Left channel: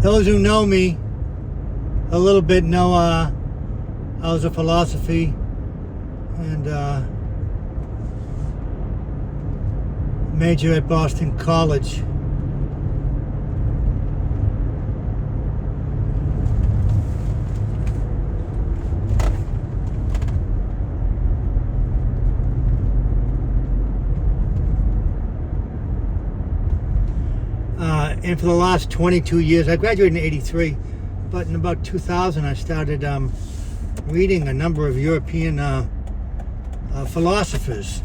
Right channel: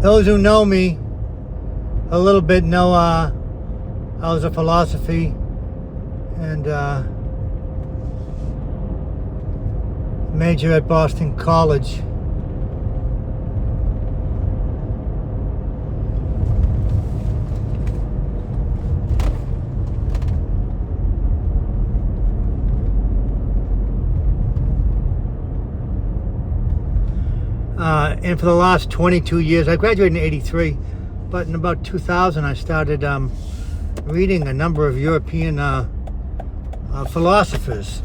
Those who know me a little bit know I was a philosophy and major at Boston College. And for the last 22 years, I graduated in '83, but in about 2000 I started reading a number of European philosophers.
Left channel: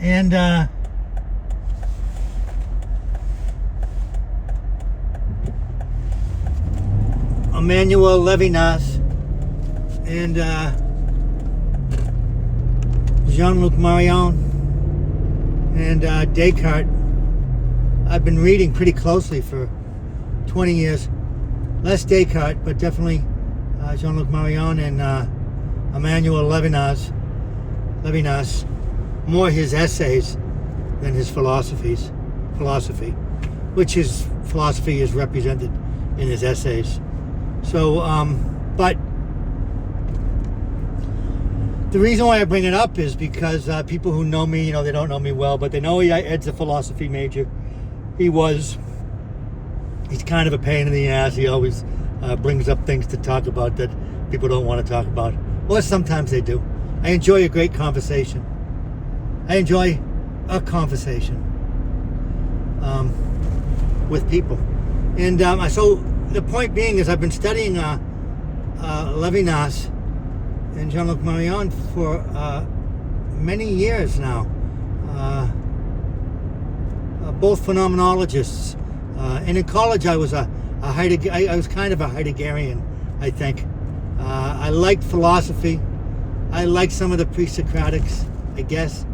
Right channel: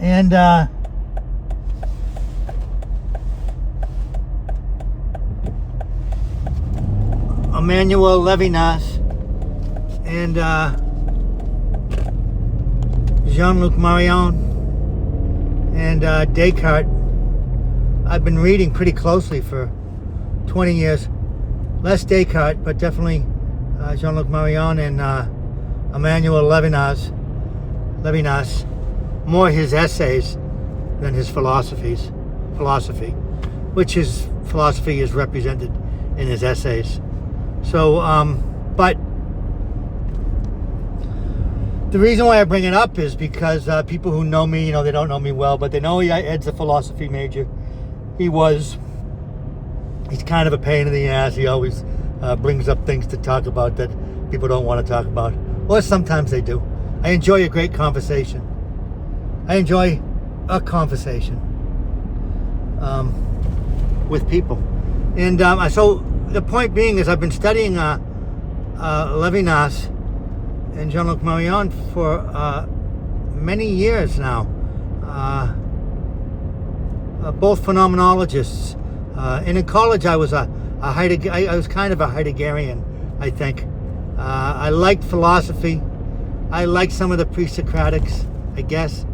And Emmanuel Levinas and Jean-Luc Marion and Descartes. I've been reading pretty closely for 20 years. Less Descartes, but definitely Jean-Luc Marion and Emmanuel Levinas. More his essays than his philosophy, which his philosophy is represented in his essays. So, but the reason why I bring it up is because people who know me, they don't know me well, but they know Ed's a philosophy major. He's kind of a pain in the ass. He always brings up things to talk about that people don't want to talk about. Or sometimes they do. I enjoy a great conversation. I enjoy a conversation with people. And so the point being is I've been studying Levinas and Jean-Luc Marion for many years now. Both phenomenologists. And in college I was I was kind of a Heideggerian, I think. I liked philosophy. I liked some of the pre-Socratics, I guess.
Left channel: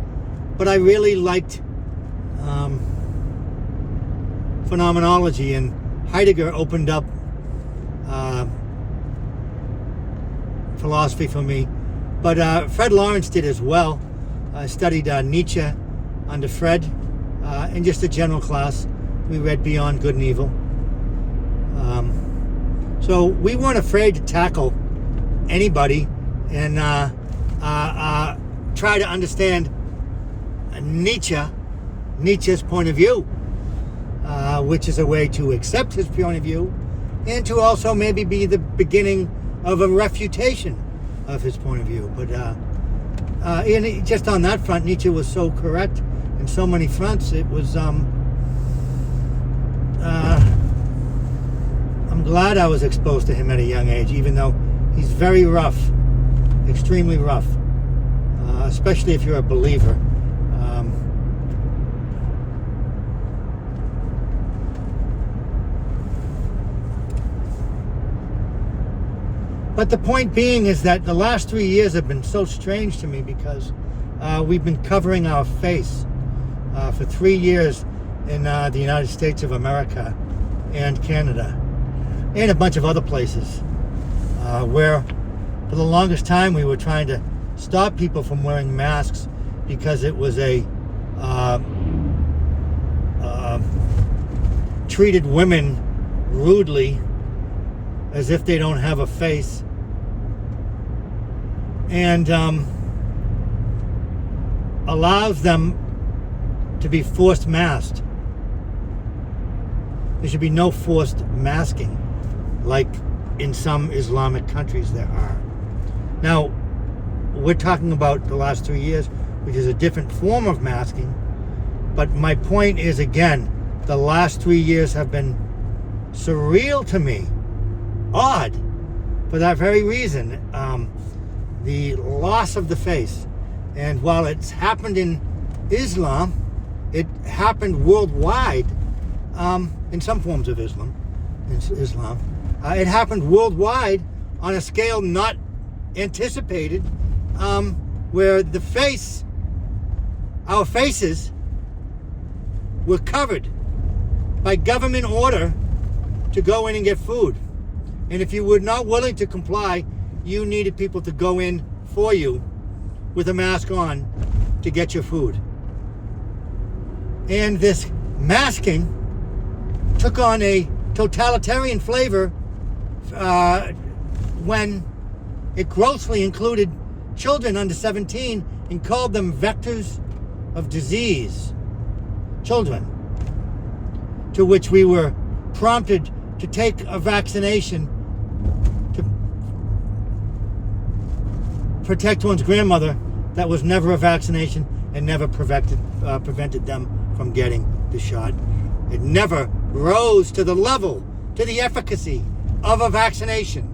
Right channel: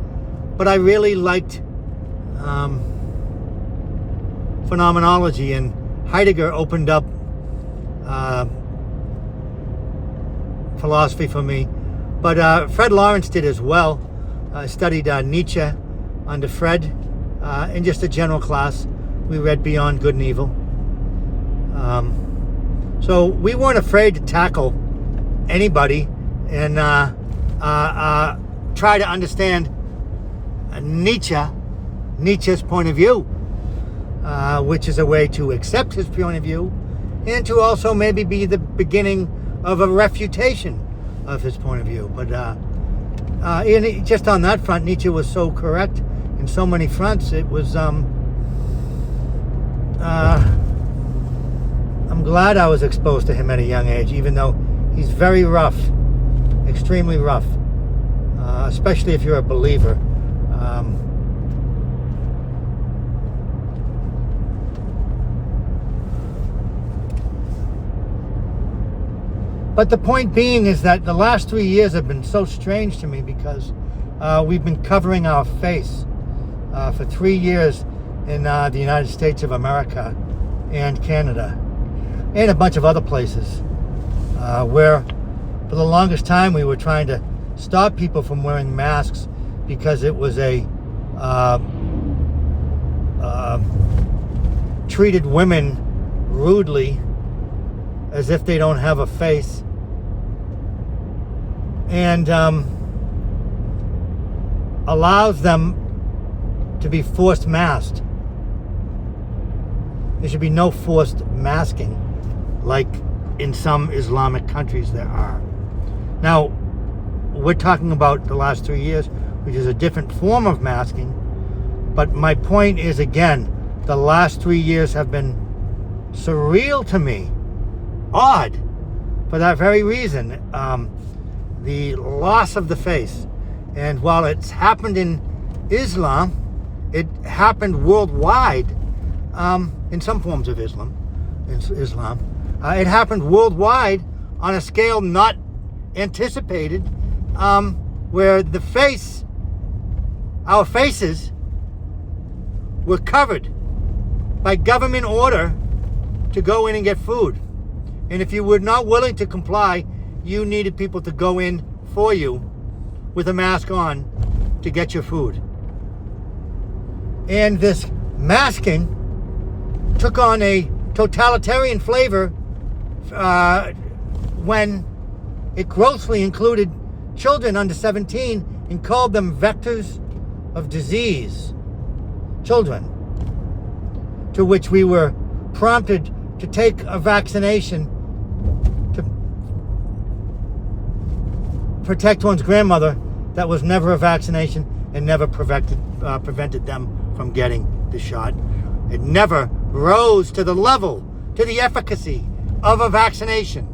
But I really liked phenomenology, and Heidegger opened up philosophy for me. But Fred Lawrence did as well. I studied Nietzsche under Fred in just a general class. We read Beyond Good and Evil. So we weren't afraid to tackle anybody and try to understand Nietzsche's point of view, which is a way to accept his point of view and to also maybe be the beginning of a refutation of his point of view. But just on that front, Nietzsche was so correct in so many fronts. It was I'm glad I was exposed to him at a young age, even though he's very rough, extremely rough, especially if you're a believer. But the point being is that the last 3 years have been so strange to me because we've been covering our face for 3 years in the United States of America and Canada and a bunch of other places where for the longest time we were trying to stop people from wearing masks because it was treated women rudely as if they don't have a face, and allows them to be forced masked. There should be no forced masking like in some Islamic countries there are. Now, we're talking about the last 3 years, which is a different form of masking, but my point is, again, the last 3 years have been surreal to me. Odd, for that very reason. The loss of the face. And while it's happened in Islam, it happened worldwide in some forms of Islam. It happened worldwide on a scale not anticipated, where the face, our faces, were covered by government order to go in and get food. And if you were not willing to comply, you needed people to go in for you with a mask on to get your food. And this masking took on a totalitarian flavor when it grossly included children under 17 and called them vectors of disease. Children. To which we were prompted to take a vaccination to protect one's grandmother that was never a vaccination and never prevented them from getting the shot. It never rose to the level, to the efficacy of a vaccination.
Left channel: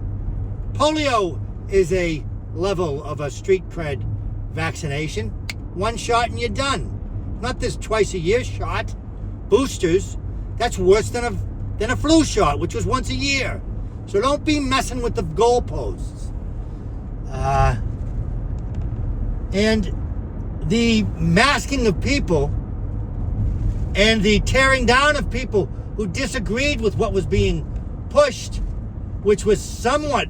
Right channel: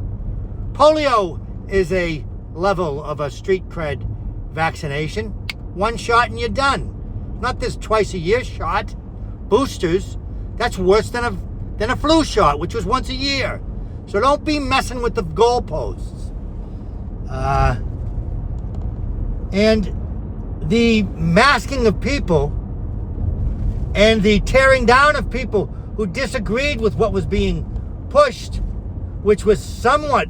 Polio is a level of a street cred vaccination. One shot and you're done. Not this twice a year shot. Boosters, that's worse than a flu shot, which was once a year. So don't be messing with the goalposts. And the masking of people and the tearing down of people who disagreed with what was being pushed, which was somewhat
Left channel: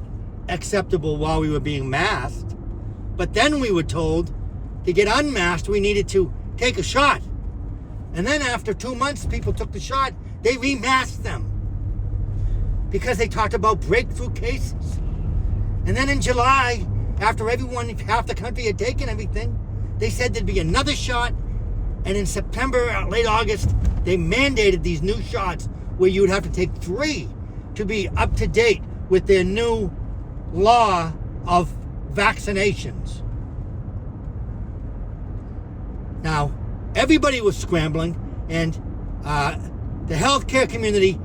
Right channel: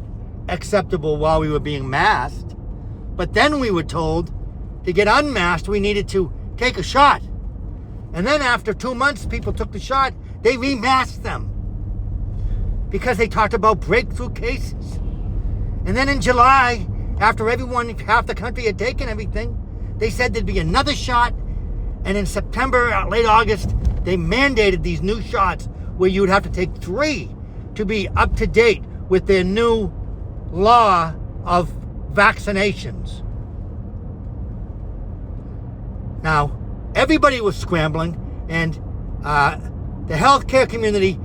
acceptable while we were being masked, but then we were told to get unmasked we needed to take a shot. And then after 2 months people took the shot, they remasked them because they talked about breakthrough cases. And then in July, after half the country had taken everything, they said there'd be another shot. And in September, late August, they mandated these new shots where you would have to take 3 to be up to date with their new law of vaccinations. Now, everybody was scrambling, and the healthcare community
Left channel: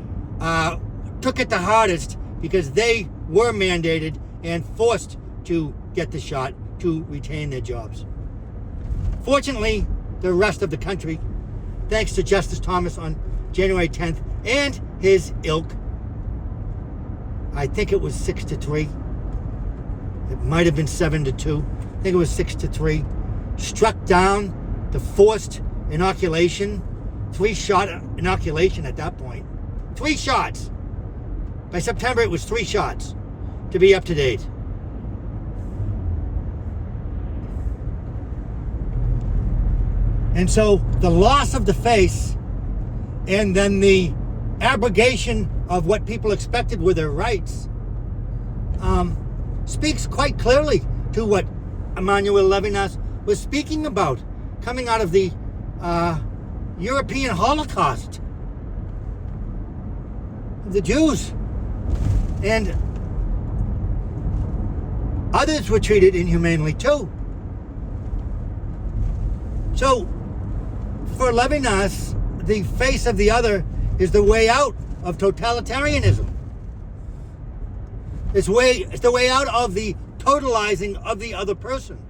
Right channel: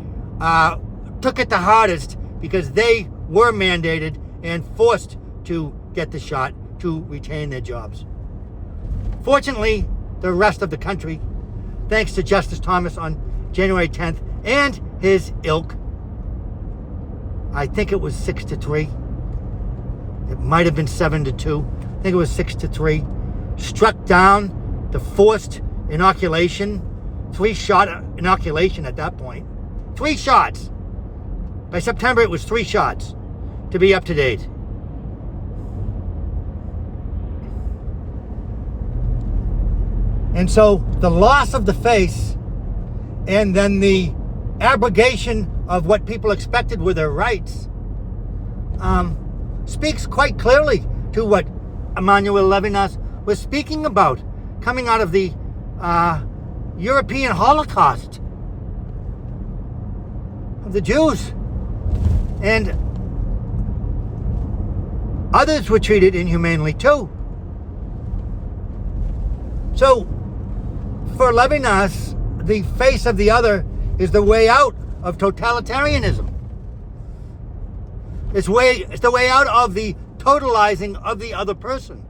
took it the hardest because they were mandated and forced to get the shot to retain their jobs. Fortunately, the rest of the country, thanks to Justice Thomas on January 10th and his ilk, I think it was 6-3. It might have been 7-2. I think it was 6-3. Struck down the forced inoculation, 3-shot inoculation at that point. 3 shots. By September, it was 3 shots to be up to date. And so the loss of the face and then the abrogation of what people expected were their rights speaks quite clearly to what Emmanuel Levinas was speaking about coming out of the European Holocaust of the Jews. And others were treated inhumanely too. So for Levinas, the face of the other is the way out of totalitarianism. It's the way out of the totalizing of the other person.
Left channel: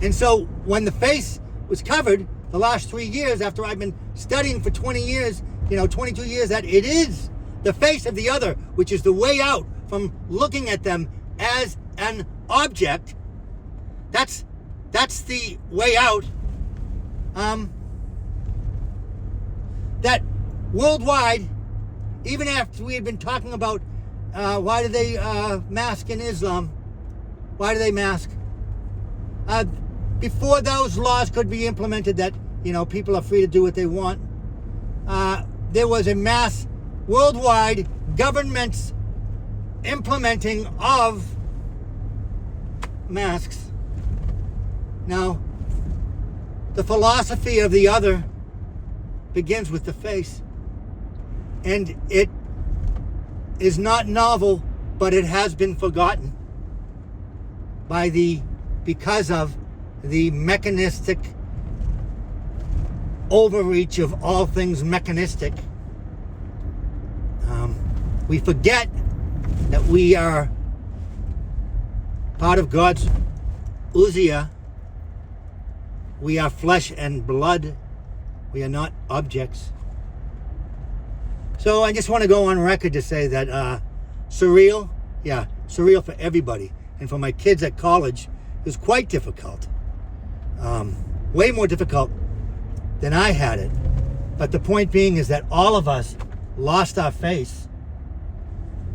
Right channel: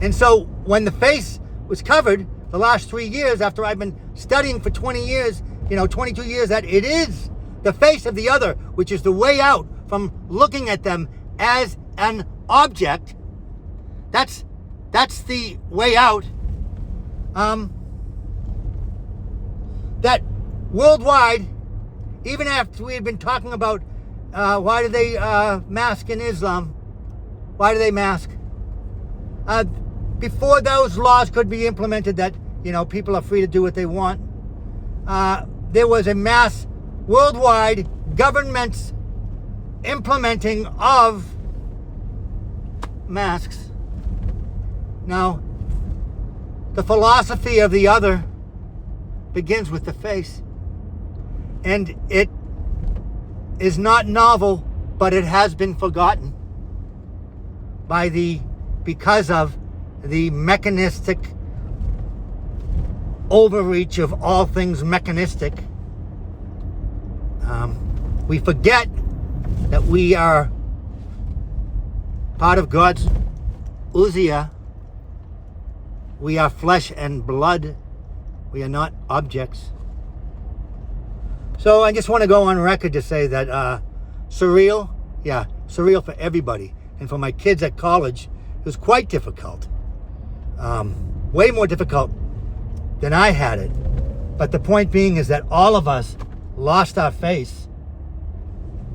And so when the face was covered the last 3 years, after I've been studying for 20 years, 22 years, that it is the face of the other, which is the way out from looking at them as an object. That's the way out. That worldwide, even after we had been talking about why do they mask in Islam? Why do they mask? Before those laws could be implemented that, people are free to do what they want, there was a mass worldwide government's implementing of masks. Now, the philosophy of the other begins with the face. And it is not novel, but it has been forgotten because of the mechanistic overreach of all things mechanistic. We forget that we are part of God's ousia. We are flesh and blood. We are not objects. So I just want to go on record to say that surreal for everybody. And for my kids at college, it was quite difficult. Way more difficult than I had it. But the point being is that all of us lost our face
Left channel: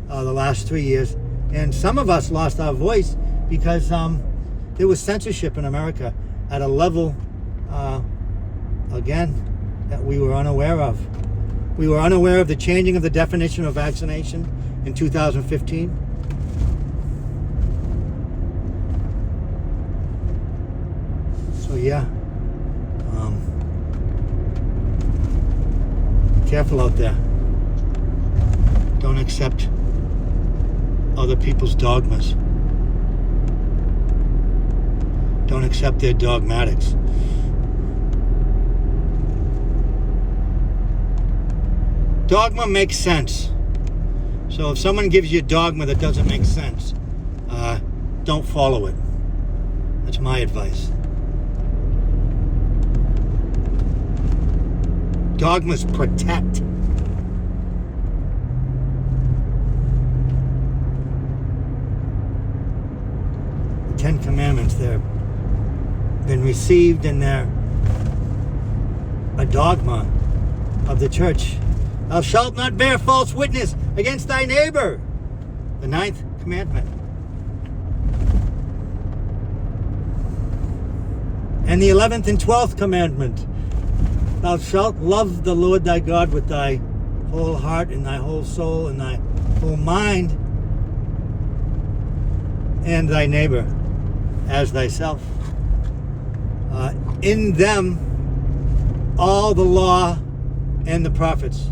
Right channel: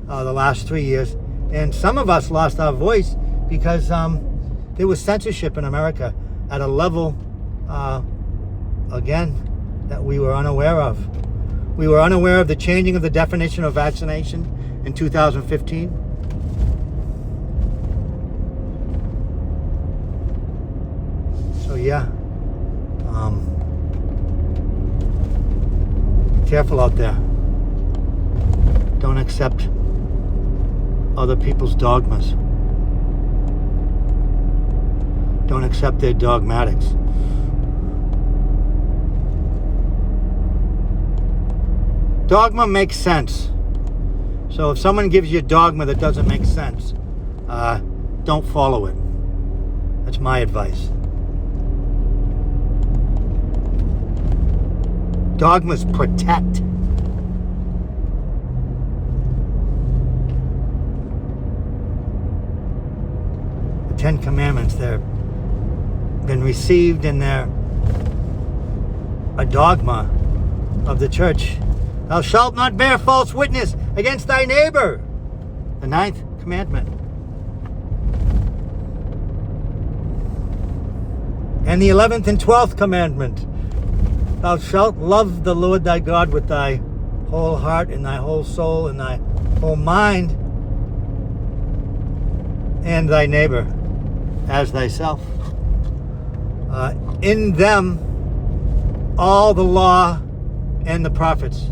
the last 3 years. And some of us lost our voice because there was censorship in America. at a level, again, that we were unaware of. We were unaware of the changing of the definition of vaccination in 2015. So yeah, careful out there. Don't accept other people's dogmas. Don't accept their dogmatics. Dogma makes sense. So if someone gives you a dogma that doesn't make sense, don't follow it. That's my advice. Dogmas protect. The Ten Commandments, they're been received and they're a dogma of the church. Thou shalt not bear false witness against thy neighbor. The 9th commandment. And the 11th and 12th commandment. Thou shalt love the Lord thy God with thy whole heart and thy whole soul and thy whole mind, and thy neighbor as thyself. In them all the law and the prophets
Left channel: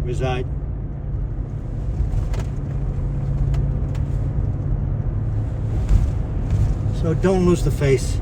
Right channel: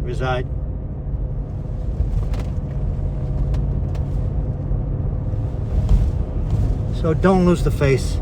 reside. So don't lose the face.